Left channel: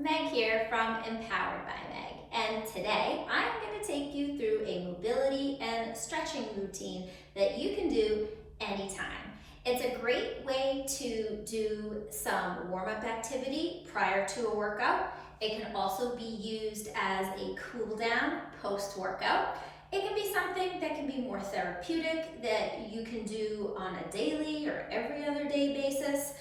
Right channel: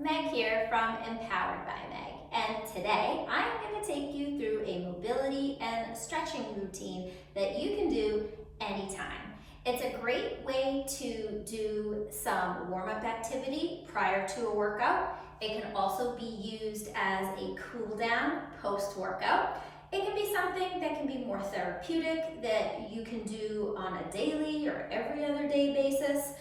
Meg here from Empowered by Meg, and today I'm going to take you through a mobility and stretching routine that you can do anytime. It's a great way to do some warm-up activity prior to a workout. It can also be used as a cool down post-workout. It can be something that can be more therapeutic that you can do on a daily or every other day basis.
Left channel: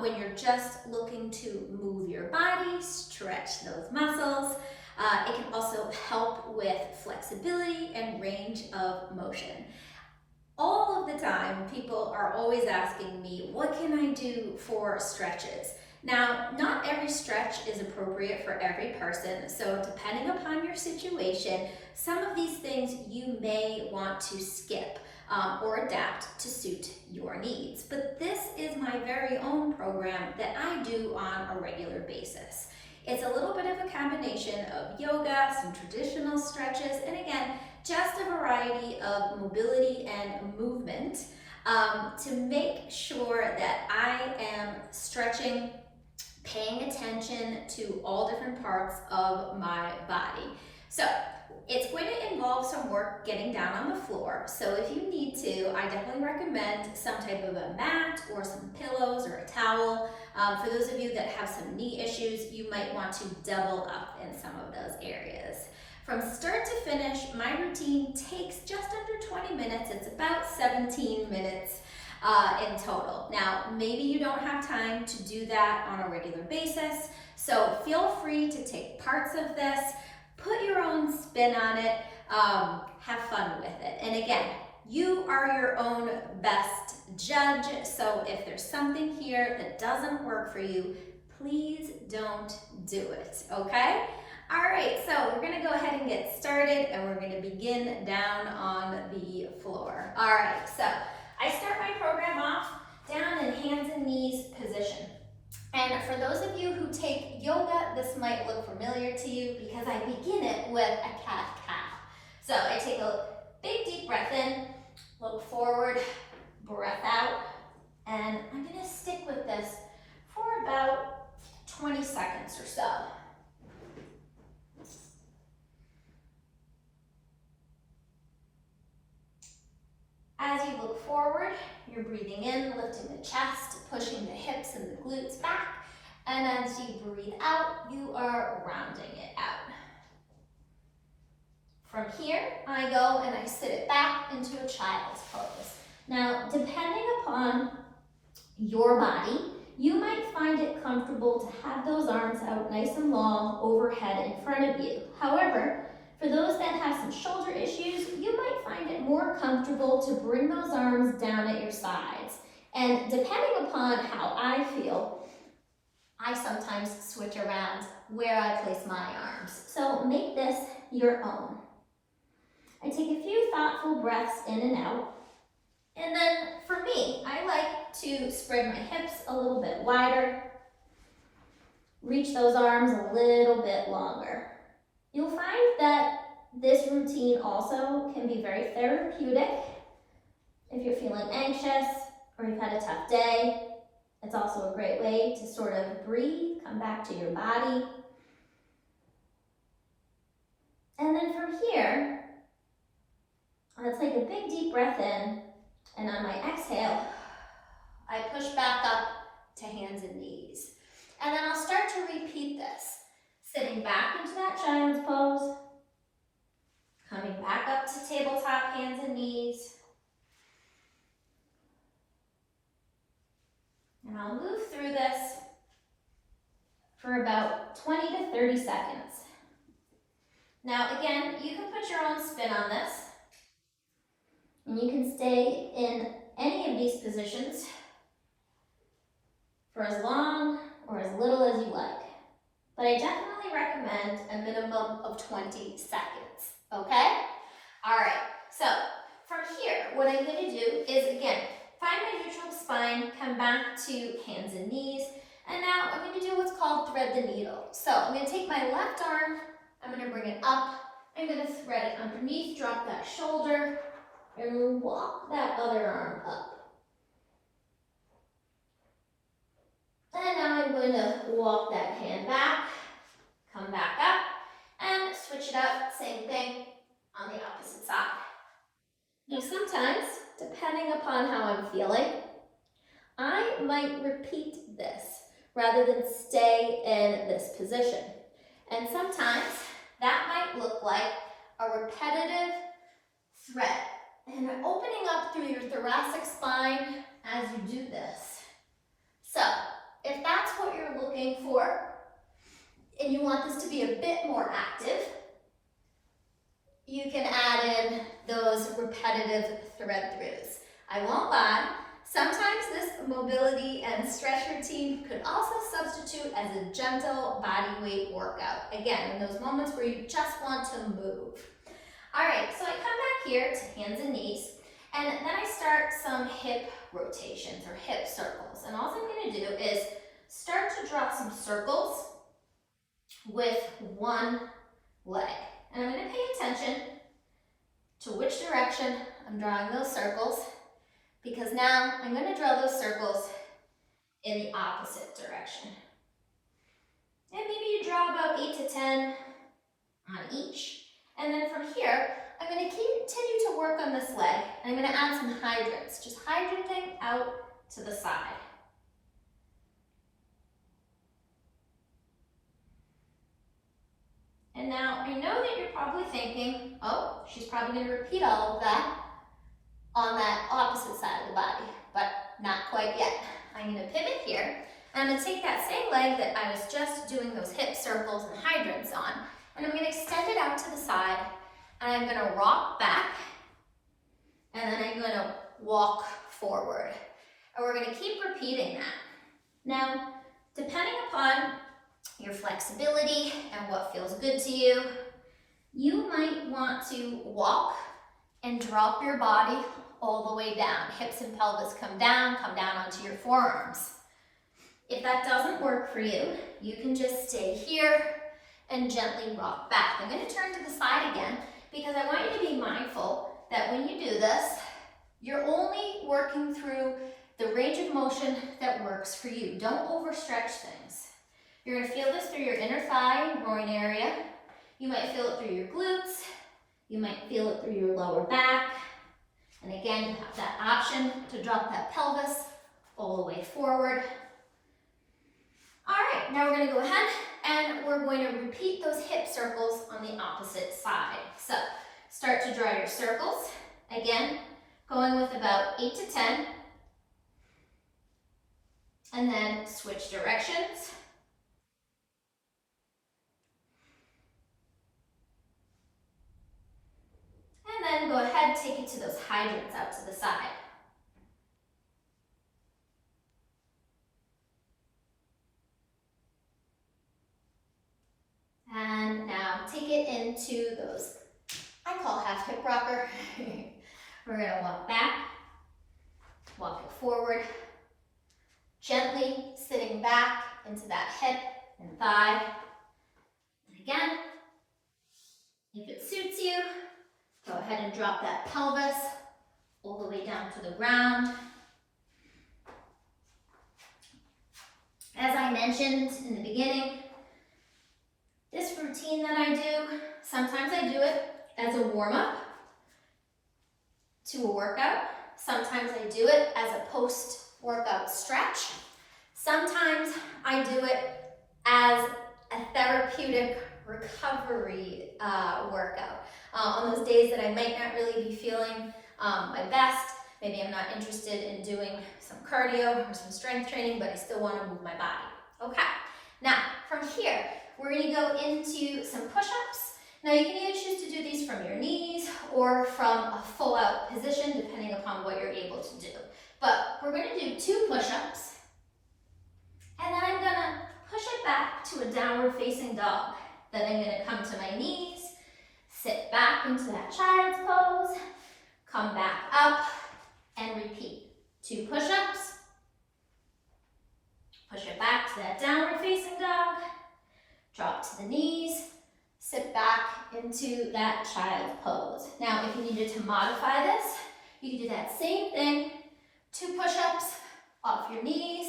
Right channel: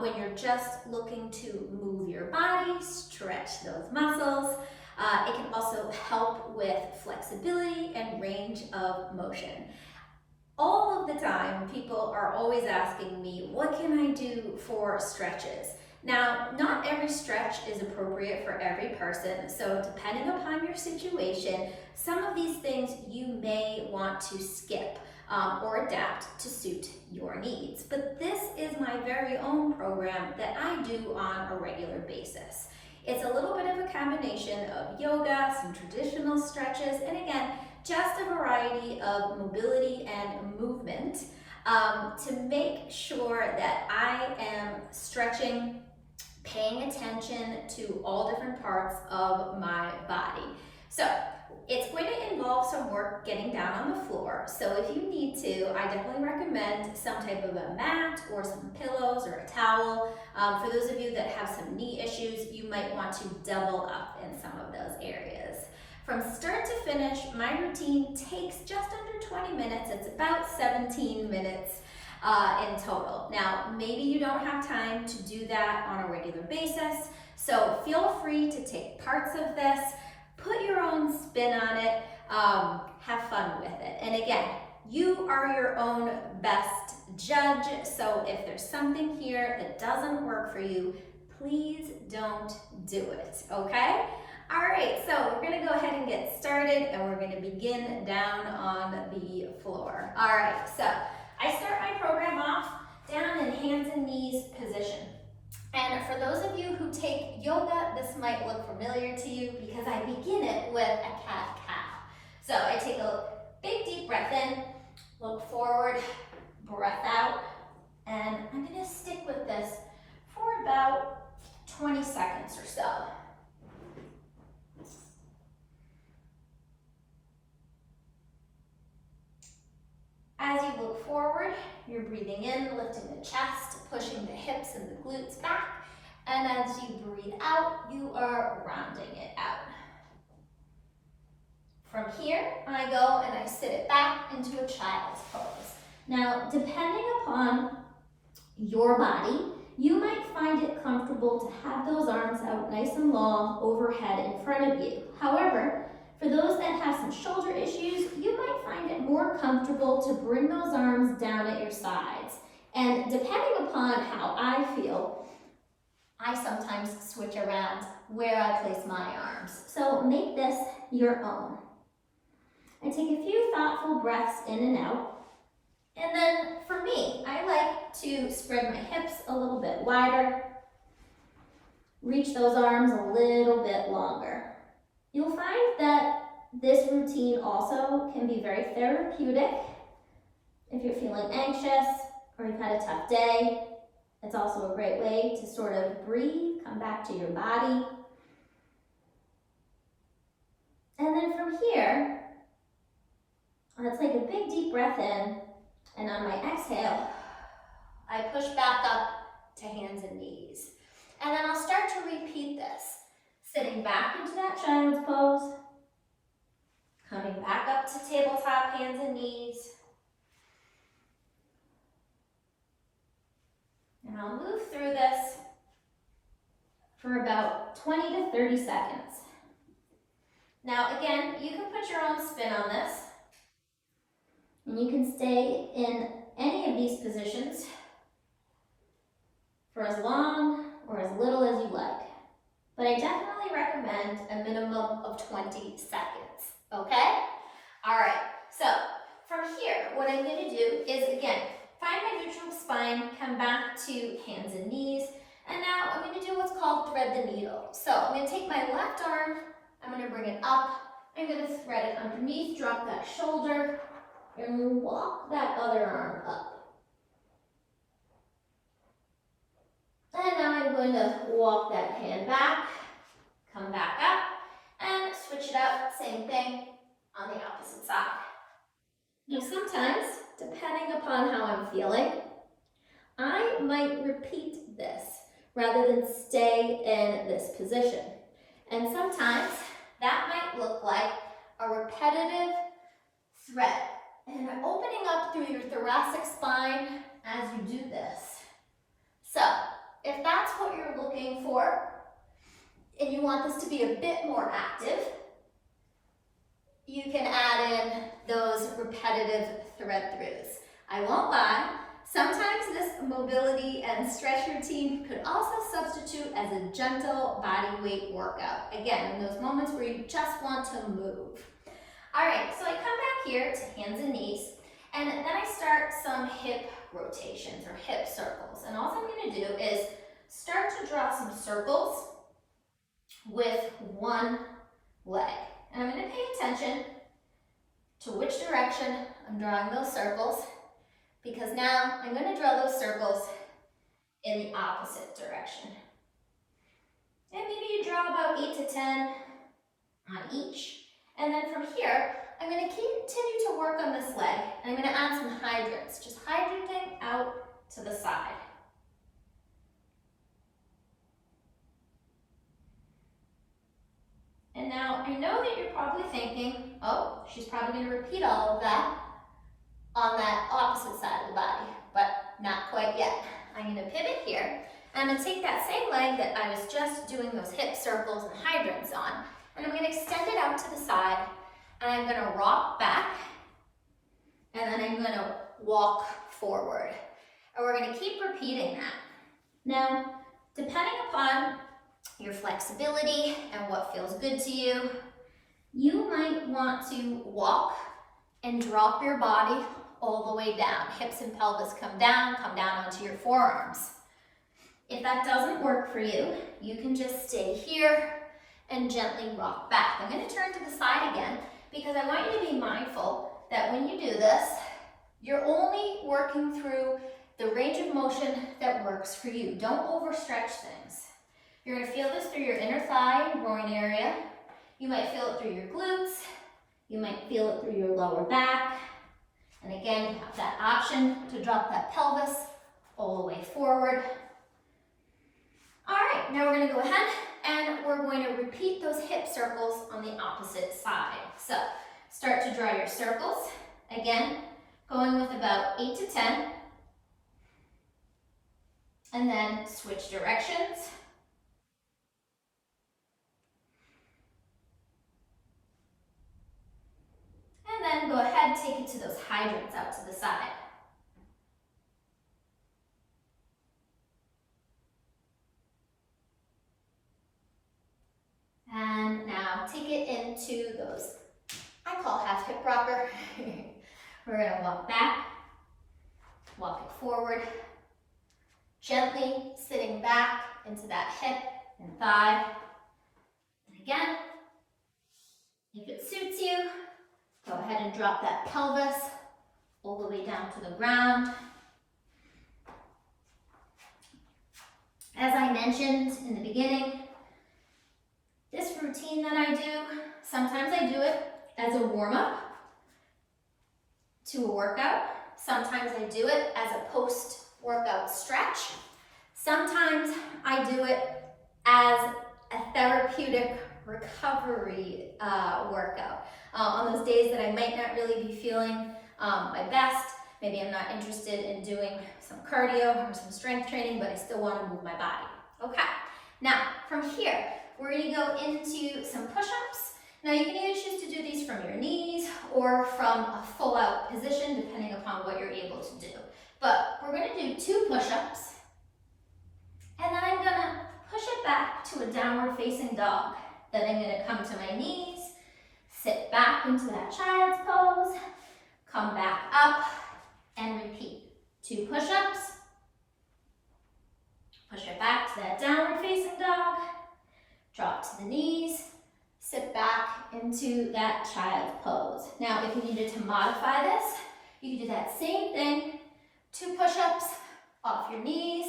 When you're just looking to move your body, stretch those muscles. It can also help with flexibility and range of motion. All of the time, people are always asking me, what can I do for stretches? Now, not every stretch is appropriate for every person, so depending upon your situation, some of these things you may want to skip or adapt to suit your needs. But this is my very own program that I do on a regular basis. It's a little bit of a combination of yoga, some traditional stretches, and again, just a variety of mobility and movement to make sure that I am stretching, paying attention to all different parts of my body. So it's going to involve some work getting down on the floor. So if you need to, I definitely recommend some type of a mat or some pillows or a towel. For those of you that have some knee issues, you might want to double up in some of those areas. From start to finish, my routine takes just under 20 minutes. It's about 17 minutes in total. Now, maybe you don't have time to do that on a regular basis, so feel free to take parts of this, put your own spin on it, have fun with it. And again, you are your own best judge, so if there's something here that doesn't work for you, please don't do it, okay? All right, so we're gonna go ahead and get started, and we're gonna begin down on the floor. All right, so I start my program off down in hands and knees position. And for those of you who take yoga, this might look familiar to you because I begin it with a cat-cow. So I take a big deep breath in, look forward, breath out, and I'm gonna stick with this for about 20 seconds or so. As you look forward, you're breathing in, lifting the chest, pushing the hips and the glutes back. And as you breathe out, you are rounding it out. From here, I go and I sit it back into a child's pose. Now, depending upon your body, you might find it comfortable to have those arms out nice and long overhead in front of you. However, for those that have some shoulder issues, you might find it more comfortable to bring those arms down at your sides. And depending upon how I feel, I sometimes switch around where I place my arms. So make this your own. I take a few thoughtful breaths in and out. And then for me, I like to spread my hips a little bit wider, reach those arms a little bit longer. You'll find that this routine also can be very therapeutic. If you're feeling anxious or you've had a tough day, it's also a great way to sort of breathe, come back to your body. And then from here, let's take a big deep breath in, and on my exhale, I push back up to hands and knees. And then I'll start to repeat this. Sitting back into that child's pose, coming back up to tabletop, hands and knees. And I'll move through this for about 20 to 30 seconds. Now again, you can put your own spin on this, and you can stay in any of these positions for as long or as little as you like. But I definitely recommend a minimum of 20 seconds, okay? All right, so from here, what I'm gonna do is, again, find my neutral spine, come back to hands and knees, and now I'm gonna do what's called thread the needle. So I'm gonna take my left arm, I'm gonna bring it up, I'm gonna thread it underneath, drop that shoulder, and walk that other arm up. And now I'm going to walk that hand back, come back up, and switch it up, same thing on the opposite side. Now sometimes, depending upon how I'm feeling, I might repeat this rather than stay in this position. And sometimes that might look like a repetitive thread and opening up through your thoracic spine as you do this. So if that's what you're looking for and you want this to be a bit more active, you can add in those repetitive thread throughs. I won't lie, sometimes this mobility and stretch routine could also substitute as a gentle body weight workout. Again, in those moments where you just want to move. All right, so I come back here to hands and knees, and then I start some hip rotations or hip circles. And all I'm going to do is start to draw some circles with one leg. And I'm going to pay attention to which direction I'm drawing those circles, because now I'm going to draw those circles in the opposite direction. And maybe you draw about 8 to 10 on each. And then from here, I'm going to continue to work on this leg, and I'm going to add some hydrants, just hydranting out to the side. And now I know that you're probably thinking, oh, she's probably going to repeat all of that on that opposite side of the body, but not quite yet. I'm going to pivot here, and I'm going to take that same leg that I was just doing those hip circles and hydrants on, and I'm going to extend it out to the side, and I'm going to rock back, and then I'm going to walk forward. And we're going to keep repeating that. Now, depending upon your flexibility and what feels good to you, you might want to walk and drop your body all the way down. Hips and pelvis come down onto your forearms. If that doesn't work for you, you can just stay here and gently rock back. I'm going to turn to the side again because I want you to be mindful that when you do this, you're only working through the range of motion that works for you. Don't overstretch things. You're going to feel this through your inner thigh and groin area. You might feel it through your glutes. You might feel it through your lower back. And again, you have that option to drop that pelvis all the way forward. All right, now we're going to go ahead and we're going to repeat those hip circles on the opposite side. So start to draw your circles. Again, going with about 8 to 10. And then switch directions. And then go ahead, take it to those hydrants out to the side. And now take it into those, I call half hip rocker. We're going to walk back, walk it forward, gently sitting back into that hip and thigh. And again, if it suits you, go ahead and drop that pelvis all the way down to the ground. As I mentioned in the beginning, this routine that I do, sometimes I do it as a warm-up to a workout. Sometimes I do it as a post-workout stretch. Sometimes I do it as a therapeutic recovery workout. On those days that I might not really be feeling my best, maybe I'm not interested in doing some cardio or some strength training, but I still want to move my body. Okay, now from here, we're going to go into some push-ups. Now you can either choose to do these from your knees or from a full-out position, depending upon what you're able to do. But we're going to do 2 push-ups, and then I'm going to push it back to a downward facing dog. Then I'm going to come to my knees, sit back into that child's pose, come back up, and repeat. 2 push-ups, push it back to that downward facing dog, drop to the knees, sit back into that child's pose. Now, if you needed to modify this, you can do that same thing. 2 push-ups off your knees,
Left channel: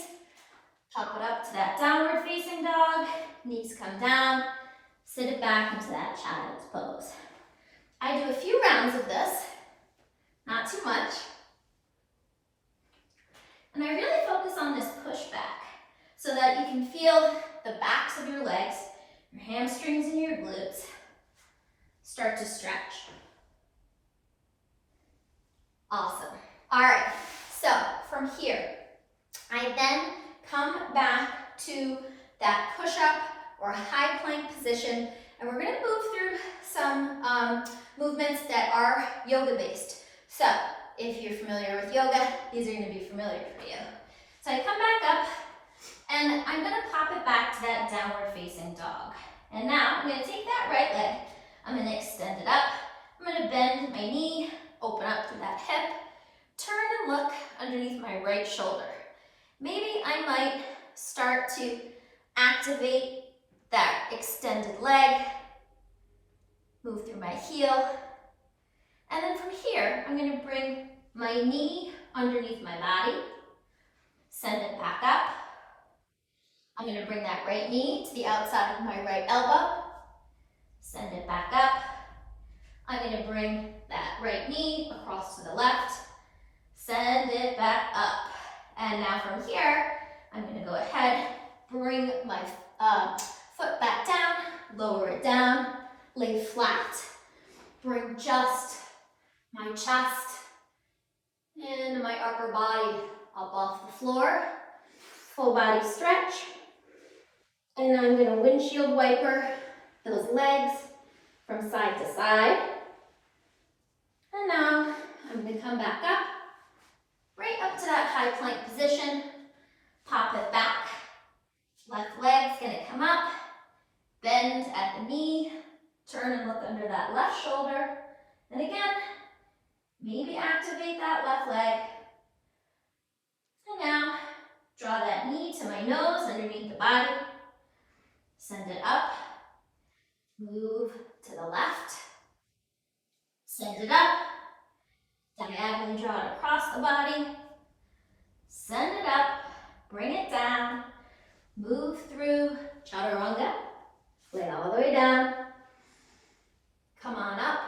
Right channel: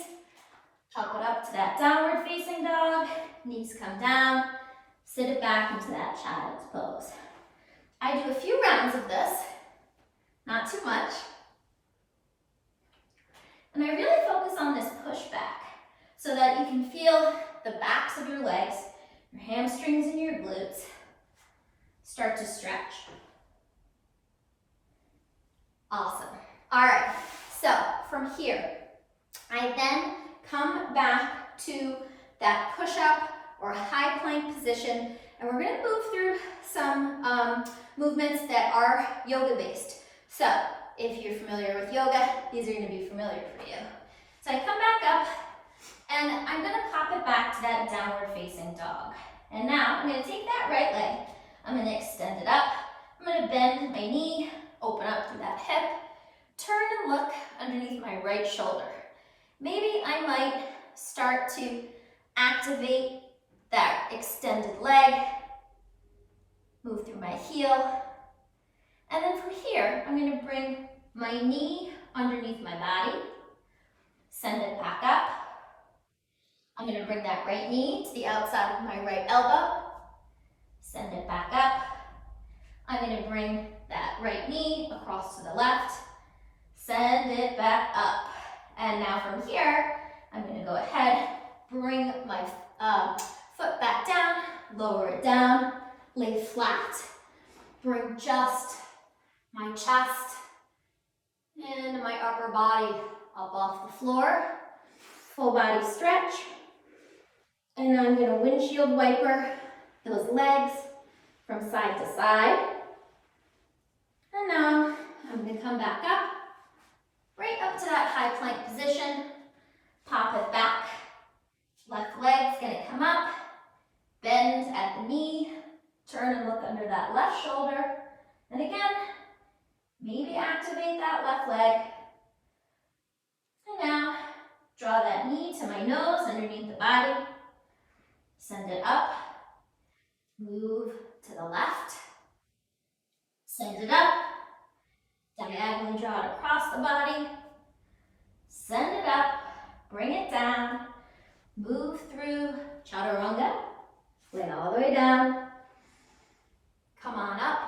pop it up to that downward facing dog, knees come down, Sit it back into that child's pose. I do a few rounds of this, not too much. And I really focus on this push back so that you can feel the backs of your legs, your hamstrings and your glutes start to stretch. Awesome. All right, so from here, I then come back to that push-up or high plank position, and we're gonna move through some movements that are yoga-based. So if you're familiar with yoga, these are gonna be familiar for you. So I come back up, and I'm gonna pop it back to that downward facing dog. And now I'm gonna take that right leg, I'm gonna extend it up, I'm gonna bend my knee, open up through that hip, turn and look underneath my right shoulder. Maybe I might start to activate that extended leg, move through my heel, and then from here, I'm gonna bring my knee underneath my body, send it back up. I'm gonna bring that right knee to the outside of my right elbow, send it back up. I'm gonna bring that right knee across to the left, send it back up. And now from here, I'm gonna go ahead, bring my foot back down, lower it down, lay flat, bring just my chest and my upper body up off the floor, full body stretch. And I'm gonna windshield wiper those legs from side to side. And now I'm gonna come back up, right up to that high plank position, pop it back. Left leg's gonna come up, bend at the knee, turn and look under that left shoulder. And again, maybe activate that left leg. And now, draw that knee to my nose underneath the body. Send it up, move to the left. Send it up, diagonally draw it across the body. Send it up, bring it down, move through chaturanga, lay all the way down. Come on up,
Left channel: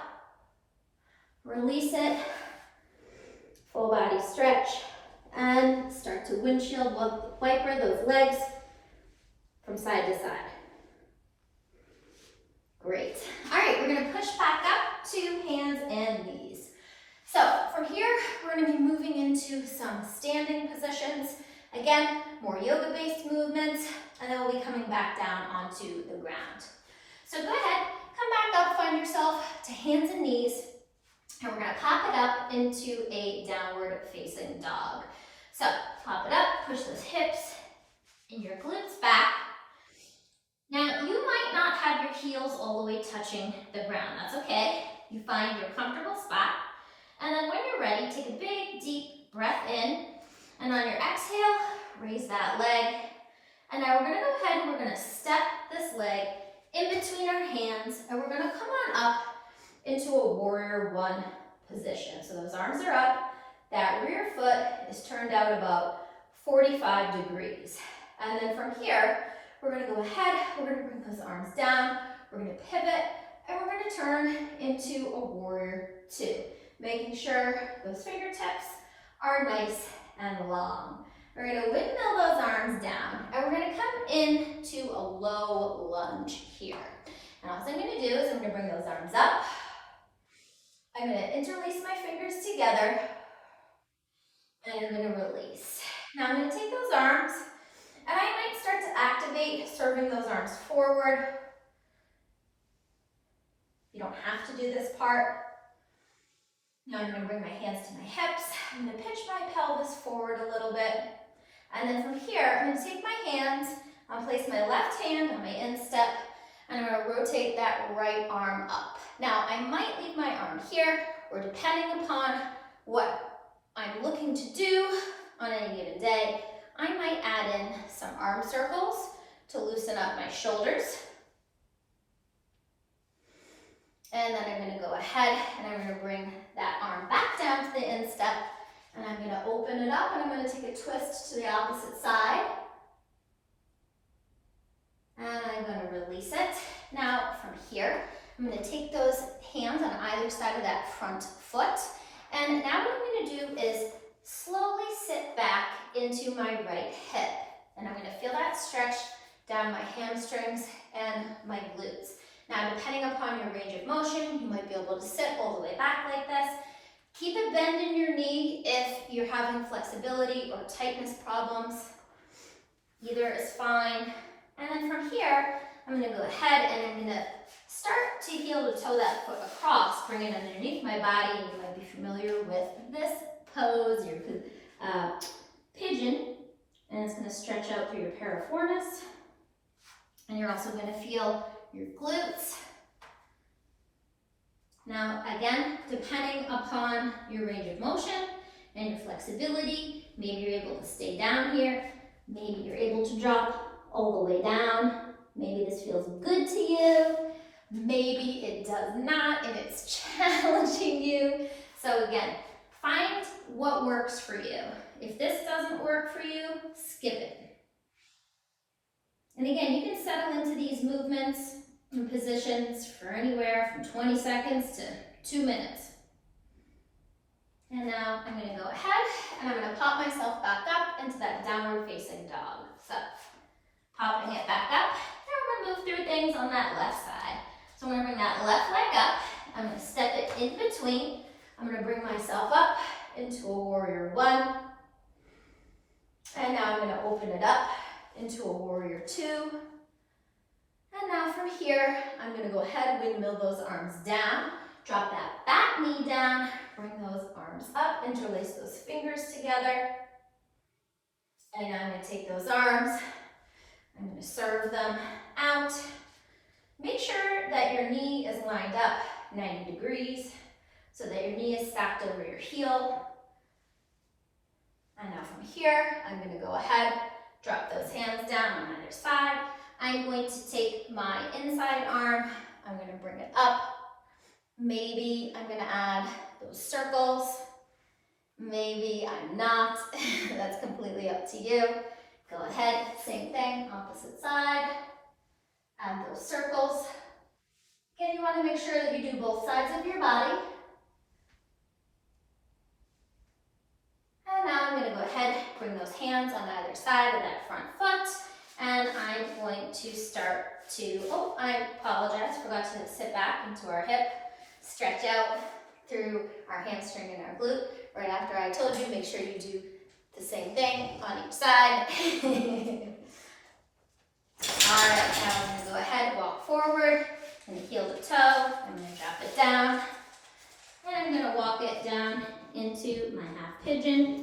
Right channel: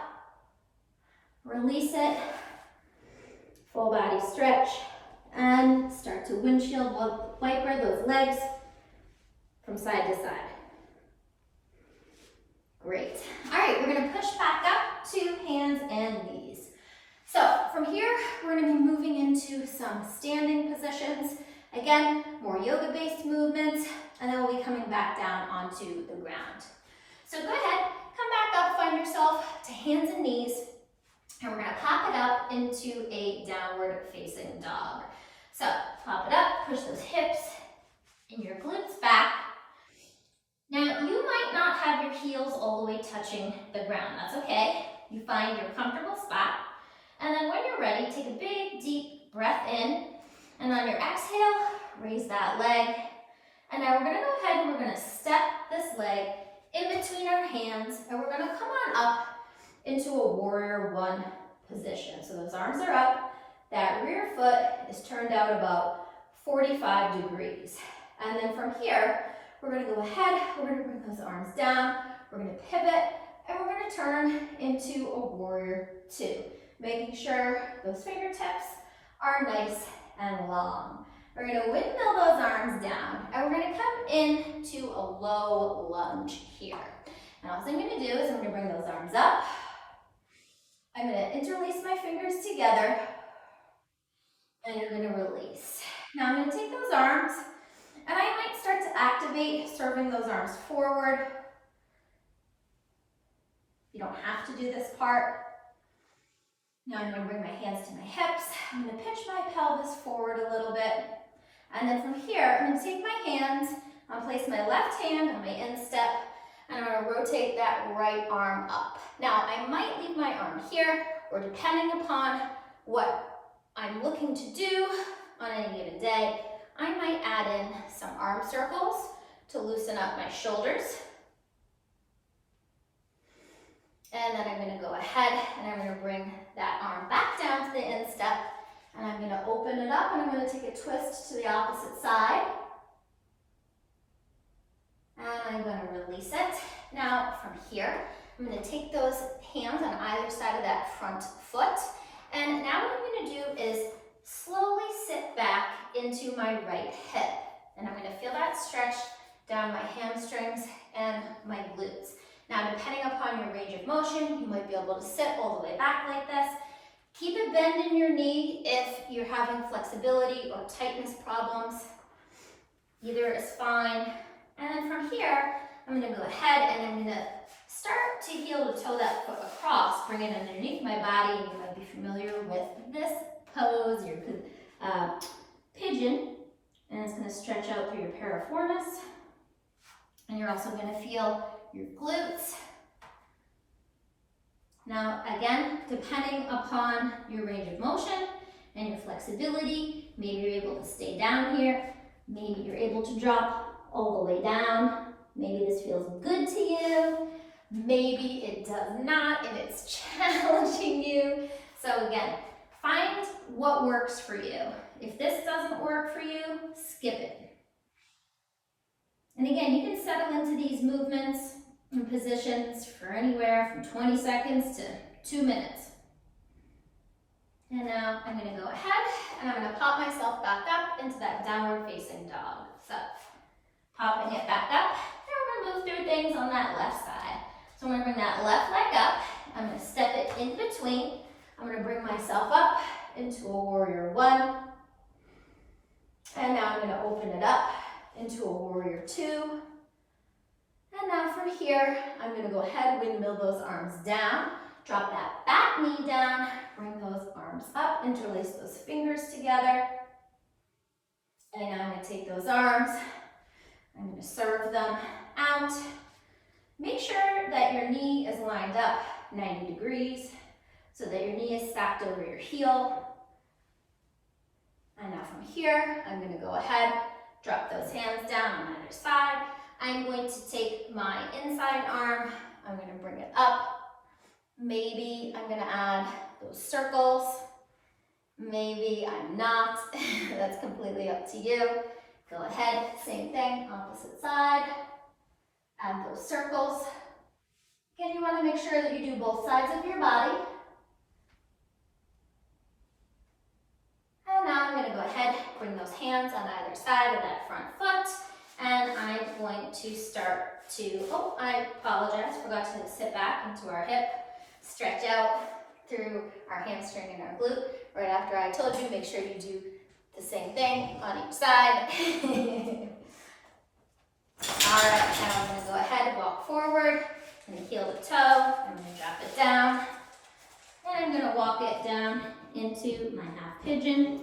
release it, full body stretch, and start to windshield wiper those legs from side to side. Great. All right, we're gonna push back up to hands and knees. So from here, we're gonna be moving into some standing positions. Again, more yoga-based movements, and then we'll be coming back down onto the ground. So go ahead, come back up, find yourself to hands and knees, and we're gonna pop it up into a downward facing dog. So pop it up, push those hips and your glutes back. Now you might not have your heels all the way touching the ground. That's okay. You find your comfortable spot. And then when you're ready, take a big, deep breath in. And on your exhale, raise that leg. And now we're gonna go ahead and we're gonna step this leg in between our hands, and we're gonna come on up into a warrior one position. So those arms are up, that rear foot is turned out about 45 degrees. And then from here, we're gonna go ahead, we're gonna bring those arms down, we're gonna pivot, and we're gonna turn into a warrior two, making sure those fingertips are nice and long. We're gonna windmill those arms down, and we're gonna come into a low lunge here. And all I'm gonna do is I'm gonna bring those arms up. I'm gonna interlace my fingers together, and I'm gonna release. Now I'm gonna take those arms, and I might start to activate serving those arms forward. You don't have to do this part. Now I'm gonna bring my hands to my hips. I'm gonna pitch my pelvis forward a little bit. And then from here, I'm gonna take my hands, I'll place my left hand on my instep, and I'm gonna rotate that right arm up. Now, I might leave my arm here, or depending upon what I'm looking to do on any given day, I might add in some arm circles to loosen up my shoulders. And then I'm gonna go ahead and I'm gonna bring that arm back down to the instep, and I'm gonna open it up, and I'm gonna take a twist to the opposite side. And I'm gonna release it. Now from here, I'm going to take those hands on either side of that front foot. And now what I'm going to do is slowly sit back into my right hip. And I'm going to feel that stretch down my hamstrings and my glutes. Now, depending upon your range of motion, you might be able to sit all the way back like this. Keep a bend in your knee if you're having flexibility or tightness problems. Either is fine. And then from here, I'm going to go ahead and I'm going to start to heel to toe that foot across, bring it underneath my body. And you might be familiar with this pose, your pigeon. And it's going to stretch out through your piriformis. And you're also going to feel your glutes. Now, again, depending upon your range of motion and your flexibility, maybe you're able to stay down here. Maybe you're able to drop all the way down. Maybe this feels good to you. Maybe it does not and it's challenging you. So again, find what works for you. If this doesn't work for you, skip it. And again, you can settle into these movements and positions for anywhere from 20 seconds to 2 minutes. And now I'm going to go ahead and I'm going to pop myself back up into that downward facing dog. So popping it back up. Now we're going to move through things on that left side. So I'm going to bring that left leg up. I'm going to step it in between. I'm going to bring myself up into a warrior one. And now I'm going to open it up into a warrior two. And now from here, I'm going to go ahead and windmill those arms down. Drop that back knee down. Bring those arms up. Interlace those fingers together. And now I'm going to take those arms. I'm going to serve them out. Make sure that your knee is lined up 90 degrees so that your knee is stacked over your heel. And now from here, I'm going to go ahead, drop those hands down on either side. I'm going to take my inside arm, I'm going to bring it up. Maybe I'm going to add those circles. Maybe I'm not. That's completely up to you. Go ahead, same thing, opposite side. Add those circles. Again, you want to make sure that you do both sides of your body. And now I'm going to go ahead, bring those hands on either side of that front foot. And I'm going to start to, oh, I apologize, forgot to sit back into our hip, stretch out through our hamstring and our glute. Right after I told you, make sure you do the same thing on each side. All right, now I'm going to go ahead, walk forward, and heel to toe. I'm going to drop it down, and I'm going to walk it down into my half pigeon.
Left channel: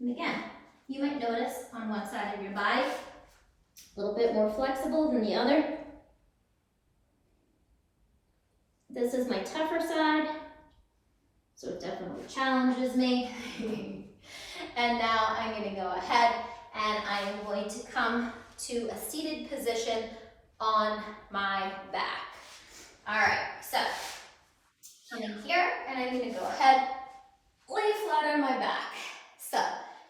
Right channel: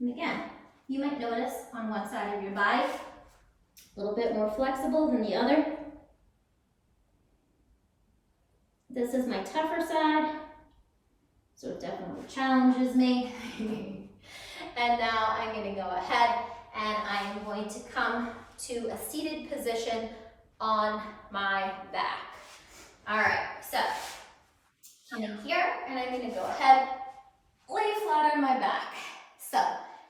And again, you might notice on one side of your body, a little bit more flexible than the other. This is my tougher side, so it definitely challenges me. And now I'm going to go ahead and I'm going to come to a seated position on my back. All right, so coming here, and I'm going to go ahead, lay flat on my back. So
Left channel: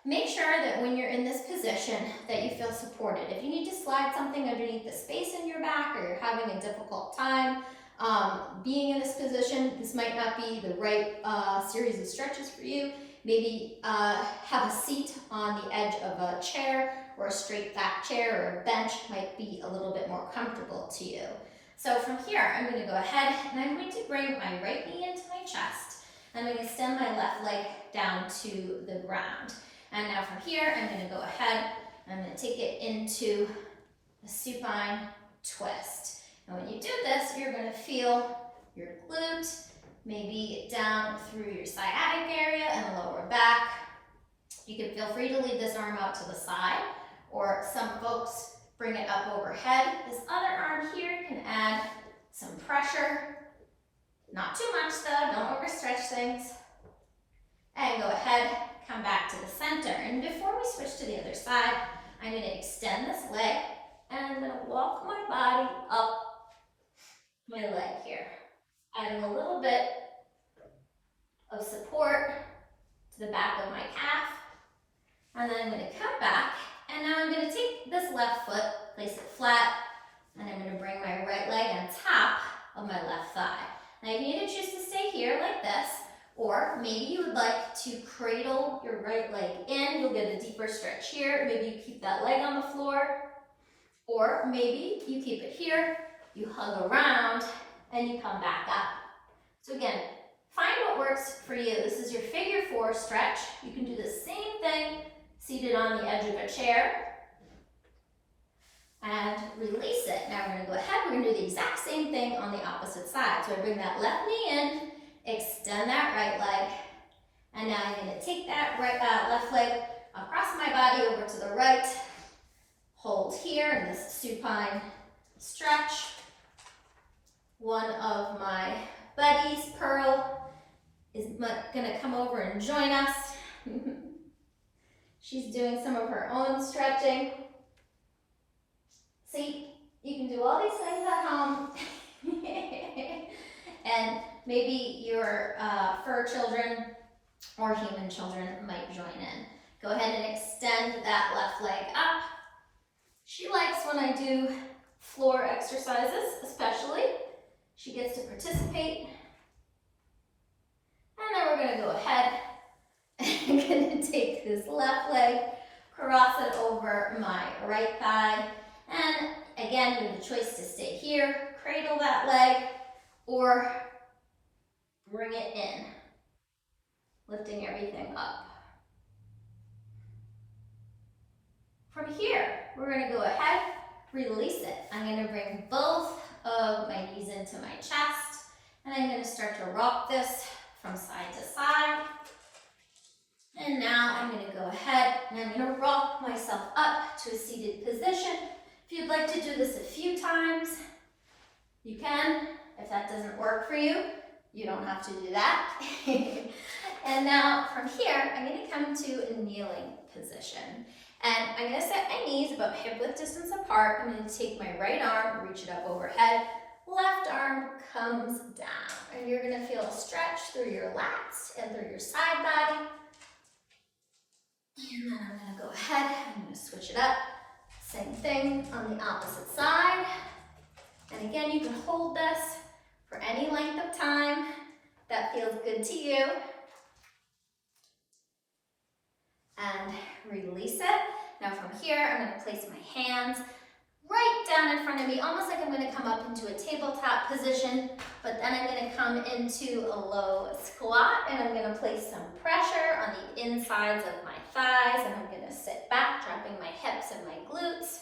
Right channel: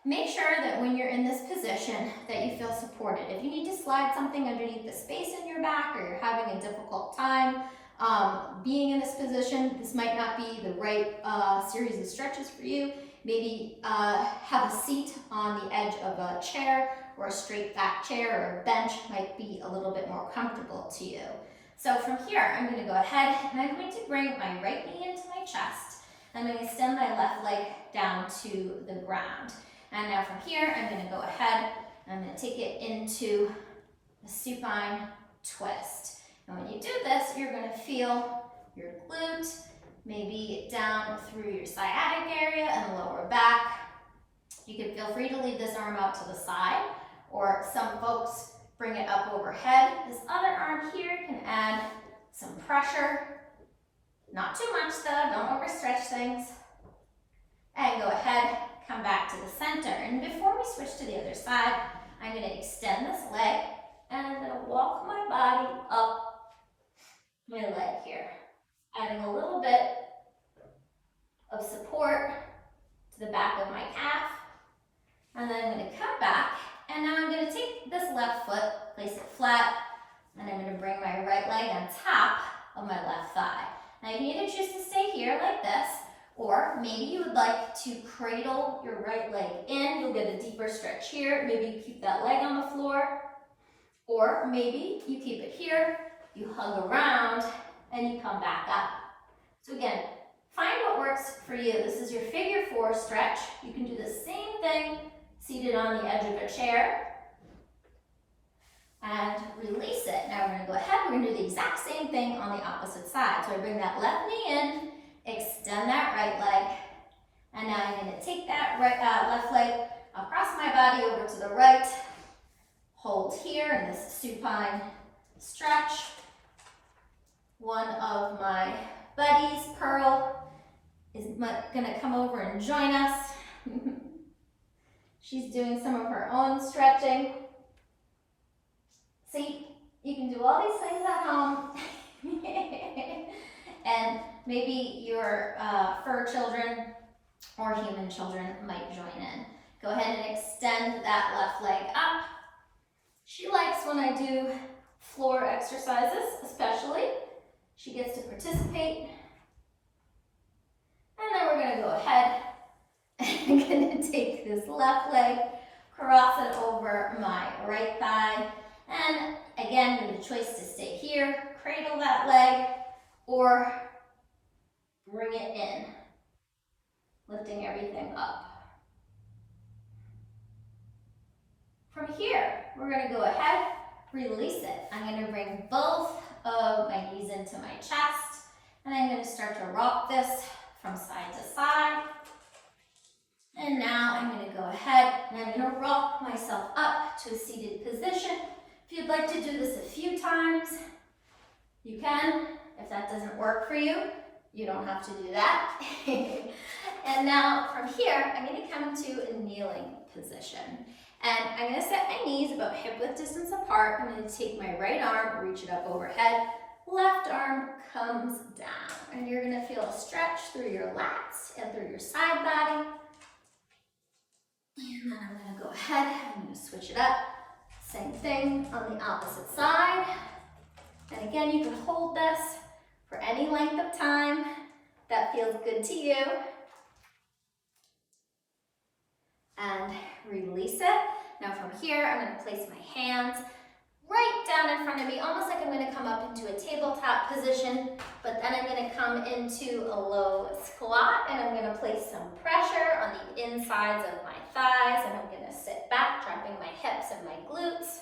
make sure that when you're in this position that you feel supported. If you need to slide something underneath the space in your back or you're having a difficult time being in this position, this might not be the right series of stretches for you. Maybe have a seat on the edge of a chair or a straight back chair or a bench might be a little bit more comfortable to you. So from here, I'm going to go ahead and I'm going to bring my right knee into my chest. I'm going to extend my left leg down to the ground. And now from here, I'm going to go ahead, I'm going to take it into a supine twist. And when you do this, you're going to feel your glute, maybe down through your sciatic area and the lower back. You can feel free to leave this arm out to the side, or some folks bring it up overhead. This other arm here can add some pressure. Not too much though, don't overstretch things. And go ahead, come back to the center. And before we switch to the other side, I'm going to extend this leg and I'm going to walk my body up my leg here, adding a little bit of support to the back of my calf. And then I'm going to come back, and now I'm going to take this left foot, place it flat, and I'm going to bring my right leg on top of my left thigh. Now you can either choose to stay here like this, or maybe you would like to cradle your right leg in. You'll get a deeper stretch here. Maybe you keep that leg on the floor, or maybe you keep it here, you hug around, and you come back up. So again, find what works for you. This is your figure 4 stretch. You can do the same thing seated on the edge of a chair. And release it. Now we're going to go ahead, we're going to do the exact same thing on the opposite side. So I bring that left knee in, extend that right leg, and now I'm going to take that left leg across my body over to the right, hold here in this supine stretch. One of my buddies, Pearl, is going to come over and join us. She's doing some of her own stretching. See, you can do all these things at home. And maybe your fur children or human children might join in. Go ahead and extend that left leg up. She likes when I do floor exercises, especially. She gets to participate. And then we're going to go ahead and I'm going to take this left leg, cross it over my right thigh. And again, you have the choice to stay here, cradle that leg, or bring it in, lifting everything up. From here, we're going to go ahead, release it. I'm going to bring both of my knees into my chest, and I'm going to start to rock this from side to side. And now I'm going to go ahead and I'm going to rock myself up to a seated position. If you'd like to do this a few times, you can. If that doesn't work for you, you don't have to do that. And now from here, I'm going to come to a kneeling position. And I'm going to set my knees about hip width distance apart. I'm going to take my right arm, reach it up overhead. Left arm comes down. And you're going to feel a stretch through your lats and through your side body. And then I'm going to go ahead, I'm going to switch it up. Same thing on the opposite side. And again, you can hold this for any length of time that feels good to you. And release it. Now from here, I'm going to place my hands right down in front of me, almost like I'm going to come up into a tabletop position, but then I'm going to come into a low squat, and I'm going to place some pressure on the insides of my thighs, and I'm going to sit back, dropping my hips and my glutes.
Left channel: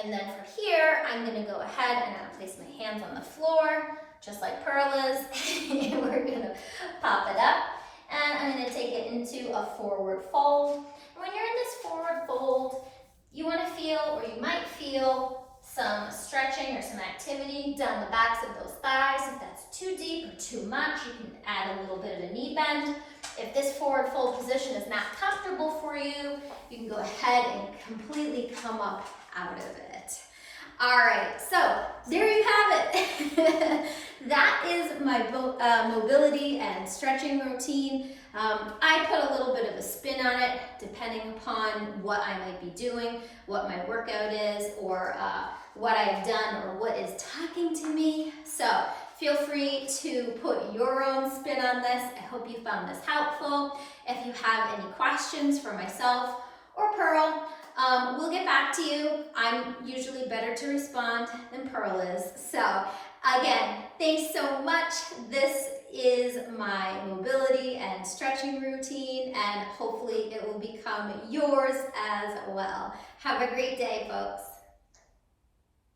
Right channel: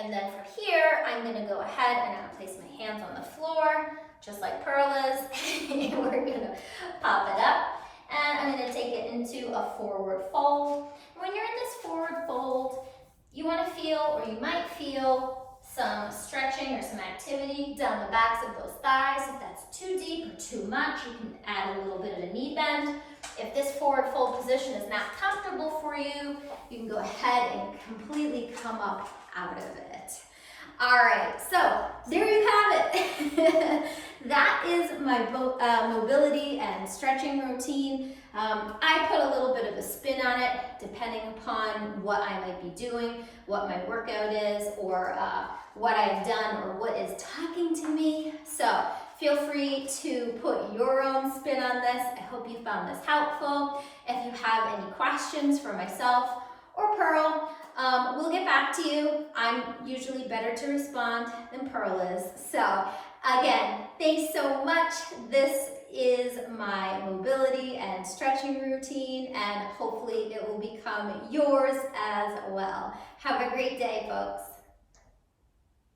And then from here, I'm going to go ahead and I'll place my hands on the floor, just like Pearl is. We're going to pop it up, and I'm going to take it into a forward fold. When you're in this forward fold, you want to feel, or you might feel, some stretching or some activity down the backs of those thighs. If that's too deep or too much, you can add a little bit of a knee bend. If this forward fold position is not comfortable for you, you can go ahead and completely come up out of it. All right, so there you have it. That is my mobility and stretching routine. I put a little bit of a spin on it, depending upon what I might be doing, what my workout is, or what I've done, or what is talking to me. So feel free to put your own spin on this. I hope you found this helpful. If you have any questions for myself or Pearl, we'll get back to you. I'm usually better to respond than Pearl is. So again, thanks so much. This is my mobility and stretching routine, and hopefully it will become yours as well. Have a great day, folks.